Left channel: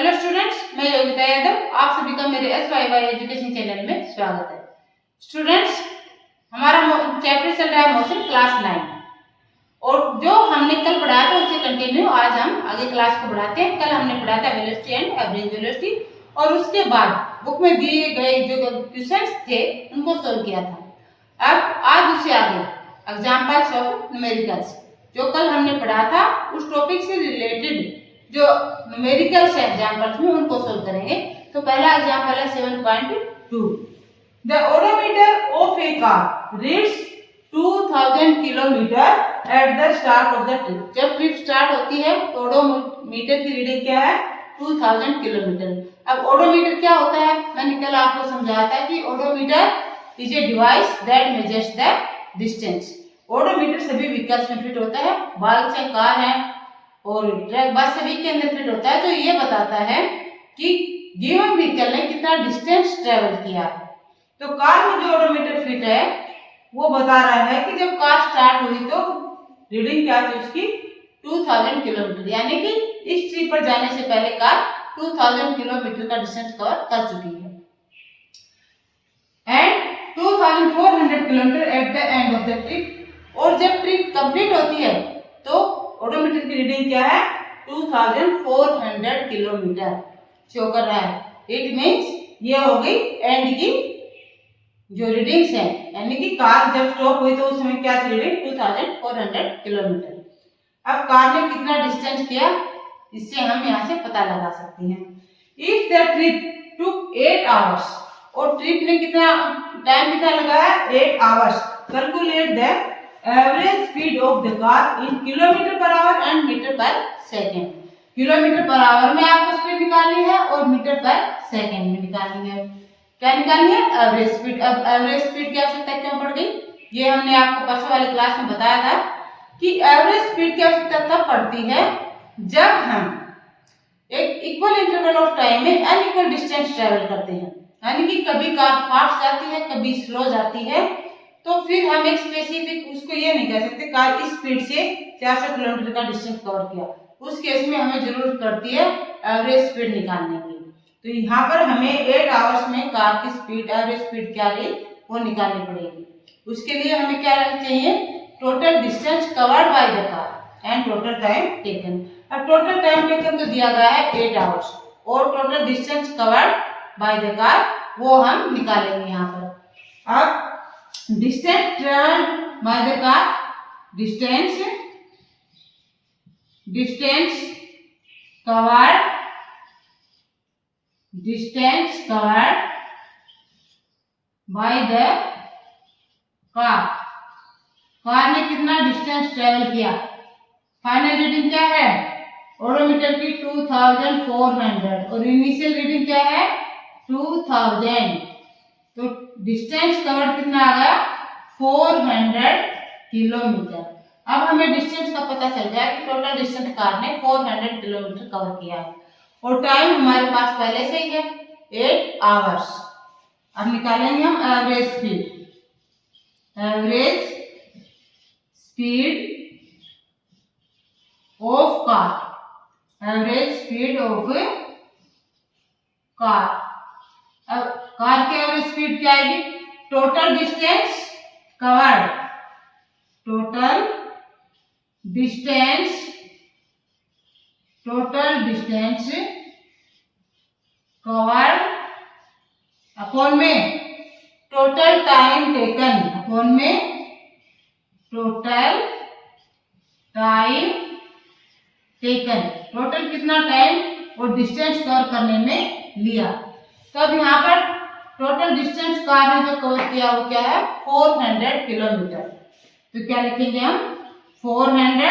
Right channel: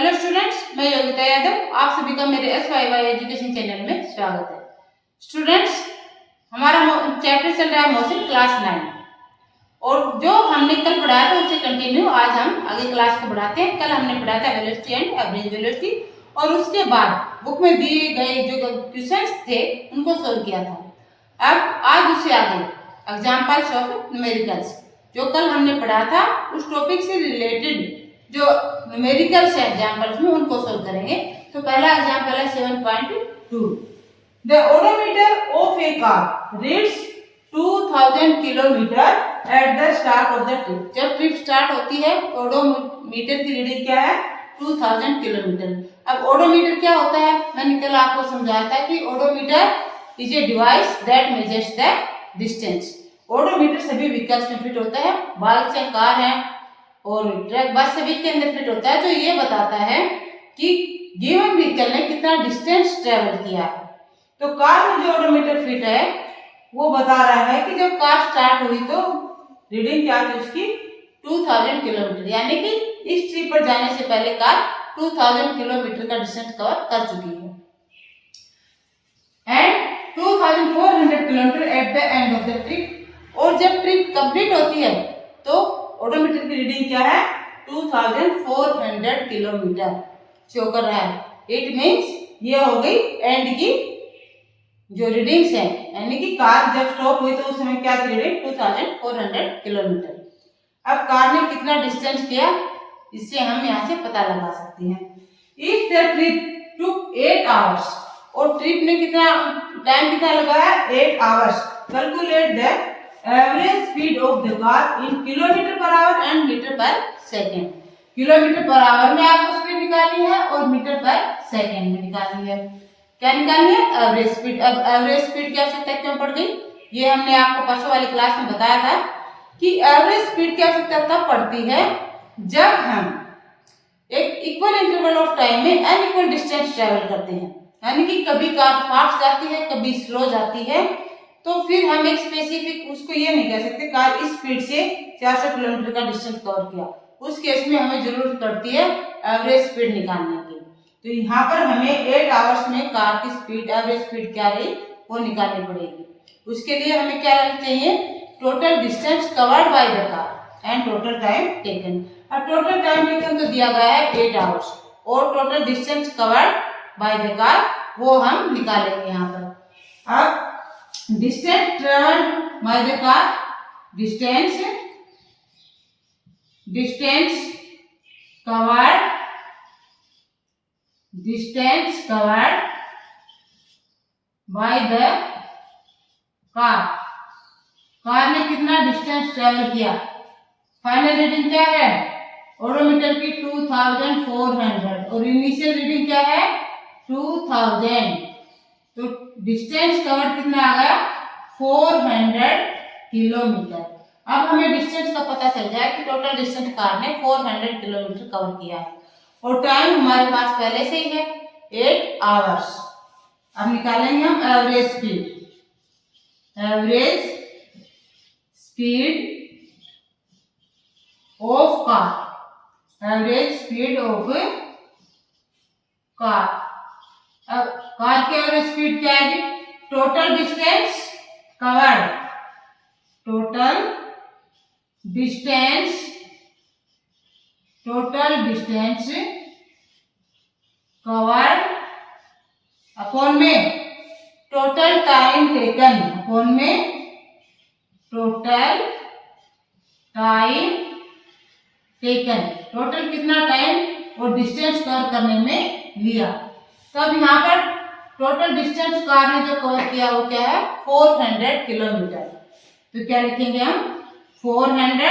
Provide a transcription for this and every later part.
Hello students, मैं योगिता यादव आप सभी का मेरे SYY एजुकेशन चैनल में स्वागत है। स्टूडेंट्स, हमारा चैप्टर चल रहा है मोशन क्लास 9 और जो हमने कल पढ़ाया था उससे कंटिन्यू आज हम आगे क्लास को बढ़ाते हैं। कल हमने पढ़ा था वेलोसिटी एंड एवरेज वेलोसिटी और उसके बाद बुक में दिए गए जो क्वेश्चंस थे उनको सोल्व किया था। अब आज उससे आगे एग्जाम्पल्स ऑफ न्यूमेरिकल्स जो कल हमने पढ़ा था उस टॉपिक से रिलेटेड जो न्यूमेरिकल्स एग्जाम्पल्स में उनको सोल्व करेंगे। तो पहला एग्जाम्पल है 7.2। The odometer of A car reads 2000 kilometre at the start of the trip. जब ट्रिप स्टार्ट होती है तो ओडोमीटर की रीडिंग क्या है? 2000 किलोमीटर। अब ओडोमीटर क्या होता है? मैंने कल आपको समझाया था कि odometer is a device that measures the distance. Odometer सभी व्हीकल्स में फिट होता है, बाइक है, कार है और ट्रक, बस सभी के अंदर फिट होता है। जो ये बताता है कि गिवन व्हीकल ने कितना डिस्टेंस ट्रेवल किया है। तो कार में जो ओडोमीटर फिट है वो बता रहा है कि जब कार स्टार्ट हुई तो रीडिंग क्या थी उसकी? 2000 किलोमीटर, यानी कि इस ट्रिप पर जाने से पहले कार 2000 किलोमीटर का डिस्टेंस कवर कर चुकी है। And 2400 kilometre at the end of the trip, और जब ट्रिप कंप्लीट होती है तो ओडोमीटर की रीडिंग क्या है? 2400 किलोमीटर शो कर रहा है। इट मीन्स ये हो गई एंड की जो रीडिंग्स है, यानी कि कार जब स्टॉप हुई तो उस समय क्या थी रीडिंग? 2400 किलोमीटर। अब कार ने कितना डिस्टेंस किया इससे हम यहाँ से पता लगा सकते हैं। If the trip took 8 hours, और ट्रिप में कितना टाइम कितना लगाया? 8 hours. Calculate the average speed of the car in kilometre per hour and metre per second. Kilometre per hour में आपको स्पीड निकालनी है और मीटर पर सेकेंड में निकालनी है। क्या निकालनी है? Average speed. अब एवरेज स्पीड की आवश्यकता क्यों पड़ गई? ये हमने आपको परसों वाली क्लास में बताया था कि एवरेज स्पीड की आवश्यकता तब पड़ती है जब हम एक इक्वल इंटरवल ऑफ टाइम में अनइक्वल डिस्टेंस ट्रेवल करते हैं, यानी कि कभी कार फास्ट जाती है कभी स्लो जाती है। तो फिर हम एक स्पेसिफिक उसको ये नहीं कह सकते कार इस स्पीड से 400 किलोमीटर का डिस्टेंस कवर किया। उस केस में हमें जरूरत पड़ती है एवरेज स्पीड निकालने की। तो यहाँ पर हमें 8 आवर्स में कार की स्पीड, एवरेज स्पीड क्या रही वो निकालनी पड़ेगी। उसके लिए हमें क्या चाहिए? Total distance covered by the car and total time taken. अब टोटल टाइम टेकन तो दिया गया है 8 आवर्स और total distance covered by the car वो हम निकालेंगे यहाँ पर। अब distance travelled by the car, distance covered by the car. Car ने कितना डिस्टेंस ट्रेवल किया? फाइनल रीडिंग क्या है? ओडोमीटर की 2400 और इनिशियल रीडिंग क्या है? 2000। तो डिस्टेंस कवर्ड कितना आ गया? 400 किलोमीटर। अब हमें डिस्टेंस का पता चल जाए कि टोटल डिस्टेंस कार ने 400 किलोमीटर कवर किया है और टाइम हमारे पास पहले से ही है 8 आवर्स। अब निकालेंगे हम average speed. Average speed of car, average speed of car. अब कार की एवरेज स्पीड क्या आएगी? Total distance covered, total distance covered upon में टोटल टाइम टेकन, अपॉन में टोटल टाइम टेकन। टोटल कितना टाइम और डिस्टेंस कवर करने में लिया। तब यहाँ पर टोटल डिस्टेंस कार ने जो कवर किया वो क्या है? 400 किलोमीटर। तो क्या लिखेंगे हम? 400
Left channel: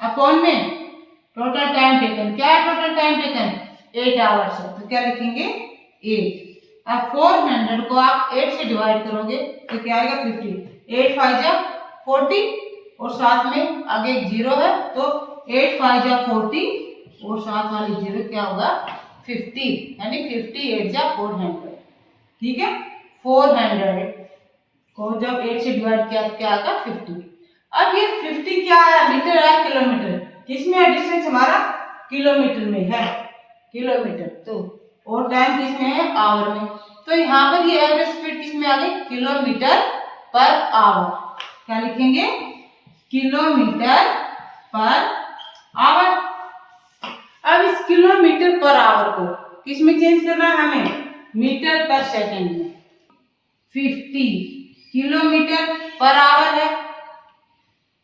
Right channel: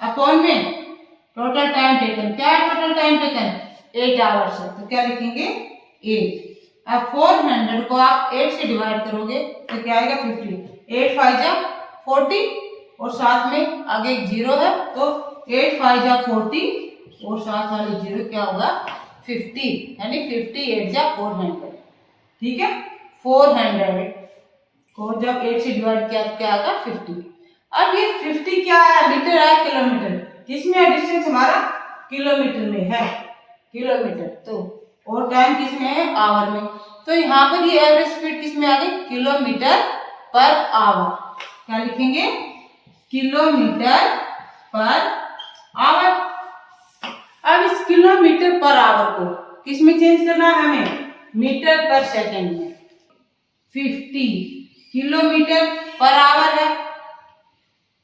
अपॉन में टोटल टाइम टेकन। क्या है टोटल टाइम टेकन? 8 आवर्स है, तो क्या लिखेंगे? 8। अब 400 को आप 8 से डिवाइड करोगे तो क्या आएगा? 50। 8 5 जा 40 और साथ में आगे एक 0 है तो 8 5 जा 40 और साथ वाली 0 क्या होगा? 50, यानी 50 8 जा 400। ठीक है, 400 को जब 8 से डिवाइड किया तो क्या आएगा? 50। अब ये 50 क्या है? मीटर है किलोमीटर? किसमें है डिस्टेंस? हमारा किलोमीटर में है। किलोमीटर, तो और टाइम किस में है, आवर में। तो यहाँ पर ये एवरेज स्पीड किस में आ गई, किलोमीटर पर आवर। क्या लिखेंगे, किलोमीटर पर आवर। अब इस किलोमीटर पर आवर को किस में चेंज करना है हमें, मीटर पर सेकंड में। 50 किलोमीटर पर आवर है,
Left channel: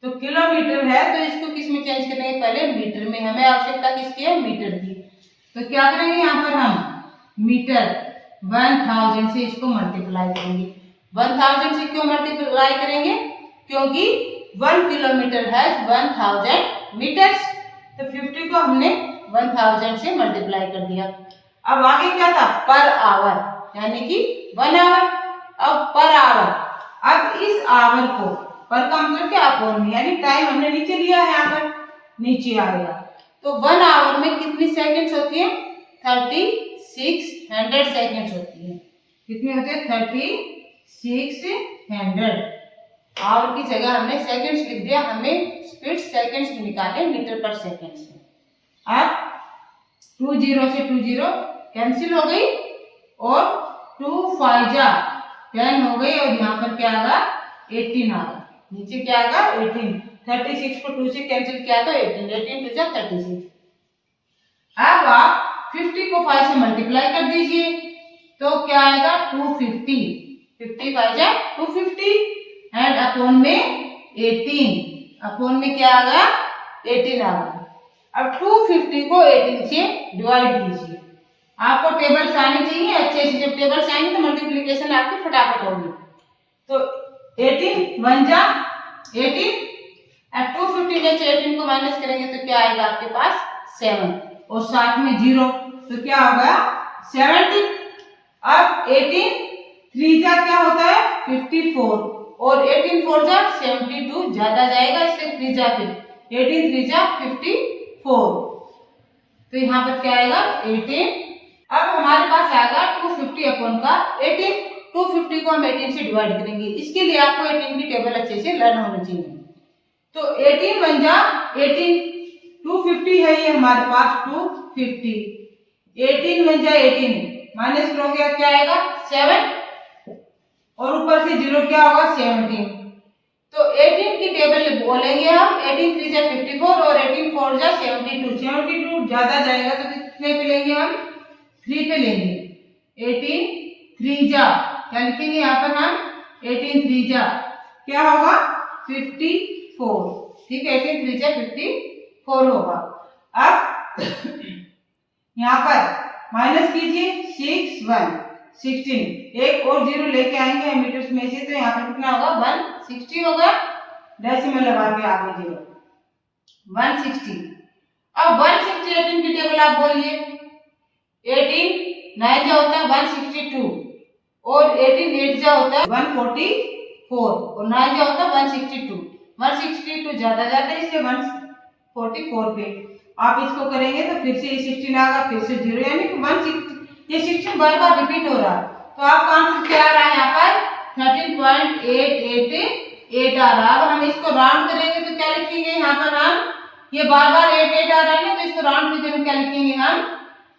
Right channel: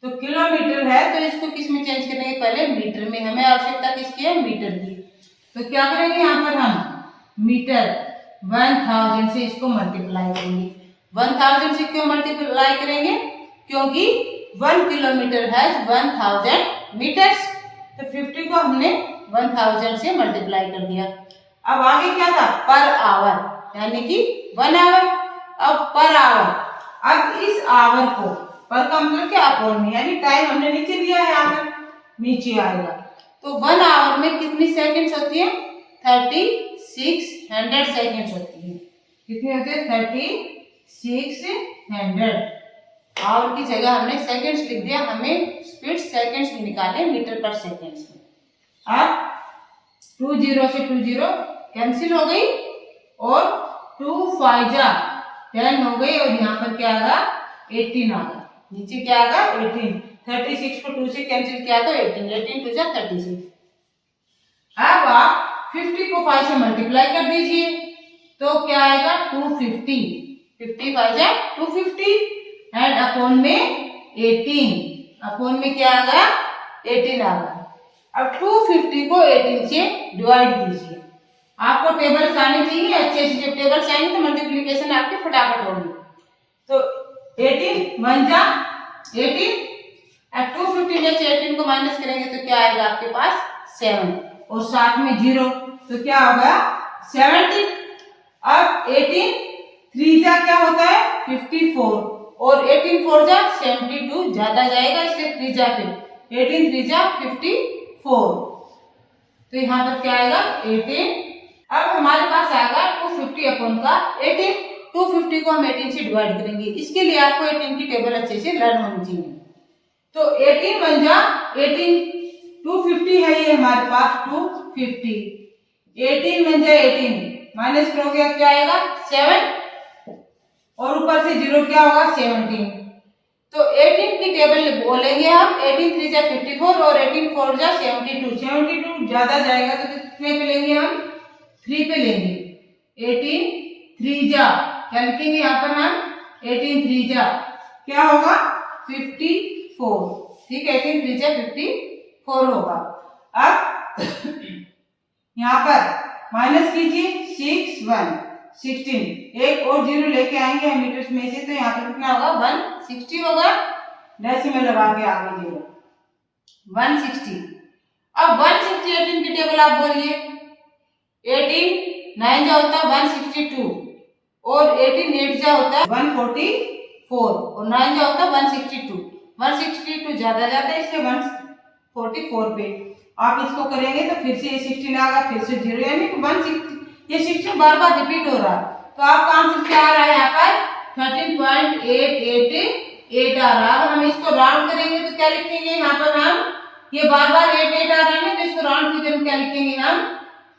तो किलोमीटर है तो इसको किस में चेंज करेंगे, पहले मीटर में। हमें आवश्यकता किसकी है, मीटर की। तो क्या करेंगे, यहाँ पर हम मीटर 1000 से इसको मल्टीप्लाई करेंगे। 1000 से क्यों मल्टीप्लाई करेंगे, क्योंकि 1 किलोमीटर है 1000 मीटर्स। तो 50 को हमने 1000 से मल्टीप्लाई कर दिया। अब आगे क्या था, पर आवर, यानी कि 1 आवर। अब पर आवर, अब इस आवर को, पर का मतलब क्या, अपॉन में, यानी टाइम हमने नीचे लिया है, यहाँ पर नीचे आएगा। तो 1 आवर में कितनी सेकंड्स होती है, 3600 सेकंड्स होती है। कितनी होती है, 3600। आवर की जगह हमने सेकंड्स लिख दिया, हमें स्पीड सेकंड्स में निकाले, मीटर पर सेकंड्स में। अब 20 से 20 कैंसिल हो गई और 2 5 जा 10 हो गई, और यहाँ पर क्या आगा, 18 आगा। नीचे क्या आगा, 18। 36 को 2 से कैंसिल किया तो 18, 18 2 जा 36। अब आप 50 को 5 से मल्टीप्लाई कर दीजिए, तो क्या आएगा, 250। 50 5 जा 250 एंड अपॉन में 18, अपॉन में क्या आगा, 18 आगा। अब 250 को 18 से डिवाइड कीजिए। आपको टेबल्स आनी चाहिए अच्छे से, जब टेबल्स आएंगे तो मल्टीप्लिकेशन आपकी फटाफट होगी। तो 18 1 जा 18, अब 250 में से 18 को माइनस करेंगे तो क्या आएगा आपके पास, 7, और साथ में 0, तो क्या होगा, 70। अब 18 3 जा क्या होता है, 54, और 18 4 जा 72, ज्यादा जाएगा इसलिए 3 जा पे 18 3 जा 54, तो यहाँ पर क्या आएगा, 18। अब हमारे पास आएगा 250 अपॉन का 18। 250 को हम 18 से डिवाइड करेंगे, इसके लिए आपको 18 की टेबल अच्छे से लर्न होनी चाहिए। तो 18 1 जा 18, 250 है ये हमारे पास, 250, 18 1 जा 18, माइनस करोगे क्या आएगा, 7, और ऊपर से 0 क्या होगा, 17। तो 18 की टेबल बोलेंगे हम, 18 3 जा 54 और 18 4 जा 72। 72 ज्यादा जाएगा तो कितने पे लेंगे हम, 3 पे लेंगे। 18 3 जा क्या लिखेंगे यहाँ पर हम, 18 3 जा क्या होगा, 54, ठीक है, 18 3 जा 54 होगा। अब यहाँ पर माइनस कीजिए, 6 1 16, एक और 0 लेके आएंगे हम मीटर्स में से, तो यहाँ पर कितना होगा, 160 होगा। डेसिमल लगा के आगे 0, 160। अब 160 18 की टेबल आप बोलिए, 18 9 जा होता है 162, और 18 8 जा होता है 144, और 9 जा होता है 162। 162 ज्यादा जाता है इसलिए 144 पे आप इसको करेंगे तो फिर से ये 16 आएगा, फिर से 0, यानी कि 160, ये 16 बार बार रिपीट हो रहा है। तो आपका आंसर क्या आ रहा है यहाँ पर, 13.888 आ रहा है। अब हम इसको राउंड करेंगे तो क्या लिखेंगे यहाँ पर हम, ये बार बार 8 आ रहा है ना, तो इसको राउंड फिगर में क्या लिखेंगे हम,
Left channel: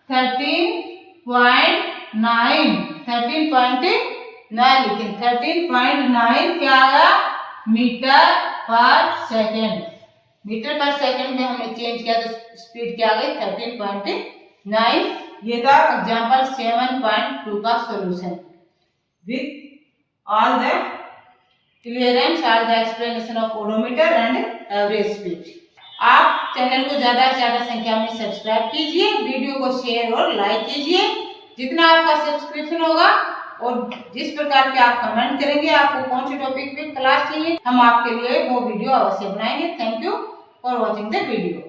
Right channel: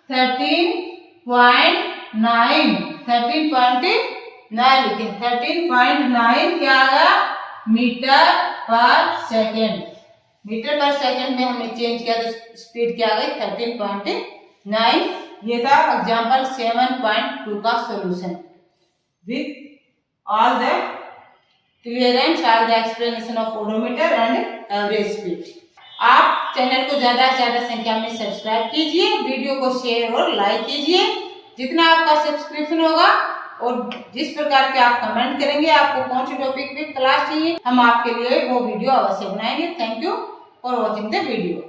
13.9 लिखेंगे। 13.9 क्या आ गया, metre per second. Metre per second में हमने चेंज किया तो स्पीड क्या आ गई, 13.9। ये था एग्जाम्पल 7.2 का solution with all the clearance, all the explanation of odometer and average speed. आप चैनल को ज्यादा से ज्यादा संख्या में सब्सक्राइब कीजिए, वीडियो को शेयर और लाइक कीजिए। जितना आपका सब्सक्रिप्शन होगा और जिस प्रकार के आप कमेंट करेंगे, आपको कौन सी टॉपिक पे क्लास चाहिए, हम आपके लिए वो वीडियो अवश्य बनाएंगे। Thank you for watching the video.